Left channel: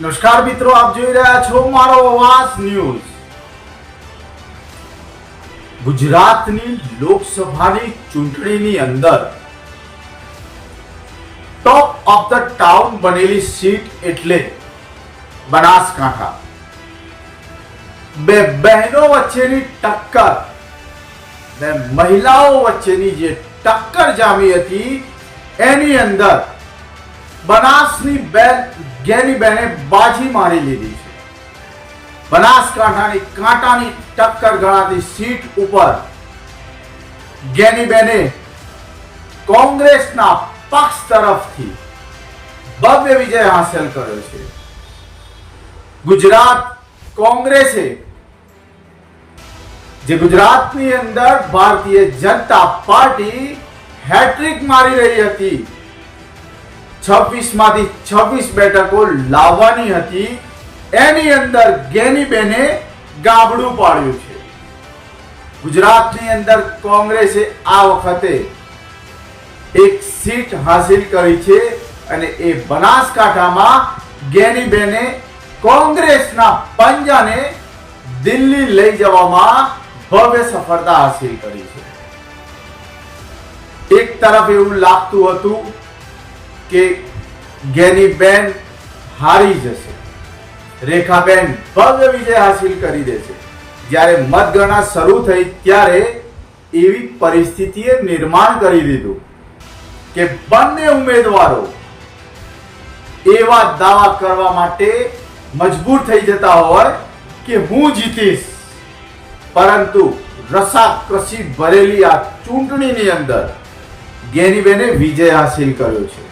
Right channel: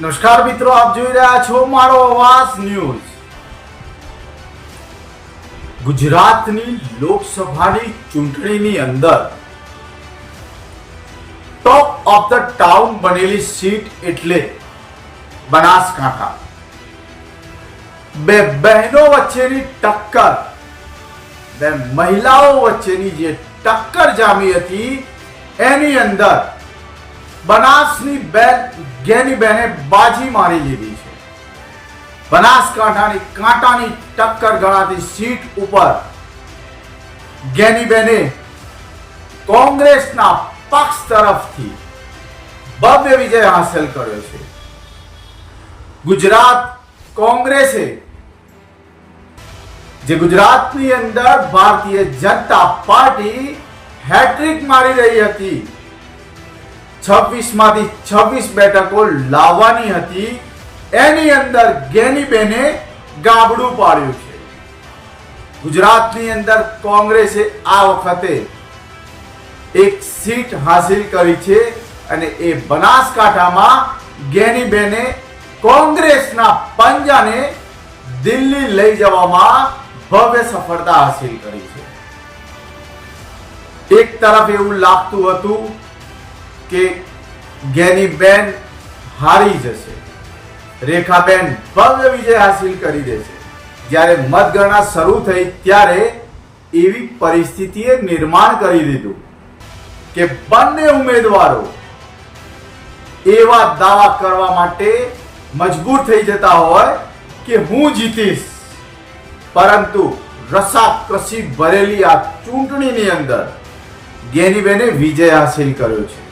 નમસ્કાર મિત્રો, આપ જોઈ રહ્યા છો મારો અવાજ ન્યૂઝ. ગુજરાતની લોકસભાની ચૂંટણીની અંદર ટોપ ઓફ ધ ટાઉન બનેલી સીટ એટલે બનાસકાંઠા. બે બહેનો વચ્ચેની ટક્કર, બે મહિલાઓ વચ્ચેની જે ટક્કર જામી હતી, એની અંદર બનાસની બેન ગેની બેને બાજી મારી લીધી છે. બનાસકાંઠાની કાંટાની ટક્કર ગણાતી સીટ ઉપર ગેની બેને કોંગ્રેસના પક્ષ તરફથી ભવ્ય વિજય હાંસલ કર્યો છે. ગુજરાત કોંગ્રેસે, જે ગુજરાતની અંદર ભારતીય જનતા પાર્ટી હેટ્રિક મારી રહી હતી છવ્વીસમાંથી છવ્વીસ બેઠકો લાવવાની હતી. એની અંદર ગેનીબેને ગાબડું પાડ્યું છે. ગુજરાતની અંદર કોંગ્રેસે આ વખતે એક સીટ હાસિલ કરી છે અને એ બનાસકાંઠામાં ગેનીબેને કોંગ્રેસના પંજાને દિલ્હી લઈ જવામાં ભવ્ય સફળતા હાસિલ કરી છે. એક તરફ એવું લાગતું હતું કે ગેનીબેન હારી જશે. રેખાબેન ભવ્ય વિજય હાસિલ કરી દેશે જ્યારે મતગણના શરૂ થઈ ત્યારે એવી પરિસ્થિતિએ નિર્માણ કરી દીધું કે બંને ઉમેદવારો એવા દાવા કરવા માટે મજબૂર થઈ જતા હોય કે હું જીતીશ. પરંતુ રસાકસી ભરેલી આ ચૂંટણીની અંદર ગેનીબેને વિજય હાસિલ કર્યો છે.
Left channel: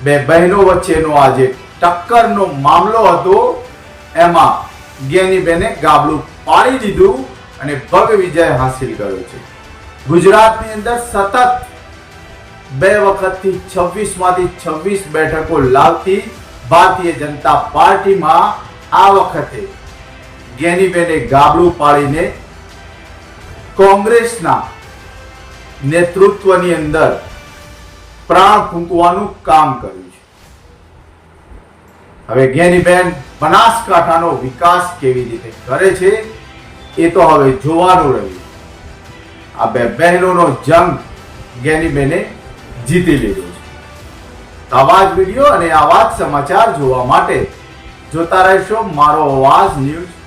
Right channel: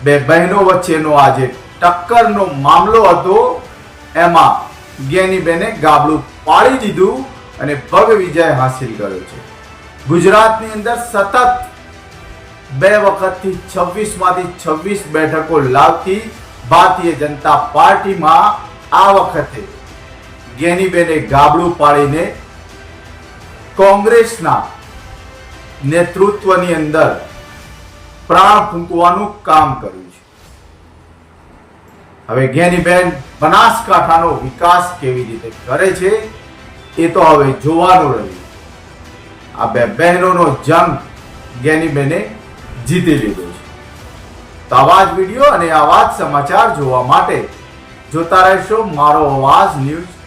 બે બહેનો વચ્ચેનો આ જે ટક્કરનો મામલો હતો, એમાં ગેનીબેને ગાબડું પાડી દીધું અને ભવ્ય વિજય હાંસિલ કર્યો છે. ગુજરાતની અંદર સતત બે વખતથી છવ્વીસમાંથી છવ્વીસ બેઠકો લાવતી ભારતીય જનતા પાર્ટીમાં આ વખતે જ્ઞાનીબેને ગાબડું પાડીને કોંગ્રેસના નેતૃત્વની અંદર પ્રાણ ફૂંકવાનું કામ કર્યું છે. હવે જ્ઞાનીબેન બનાસકાંઠાનો વિકાસ કેવી રીતે કરે છે, એ તો હવે જોવાનું રહ્યું. આ બે બહેનોનો જંગ જ્ઞાનીબેને જીતી લીધો છે. તો આવા જ વીડિયો અને આવા જ સમાચાર જોવા માટે જોતા રહેશો મારો અવાજ ન્યૂઝ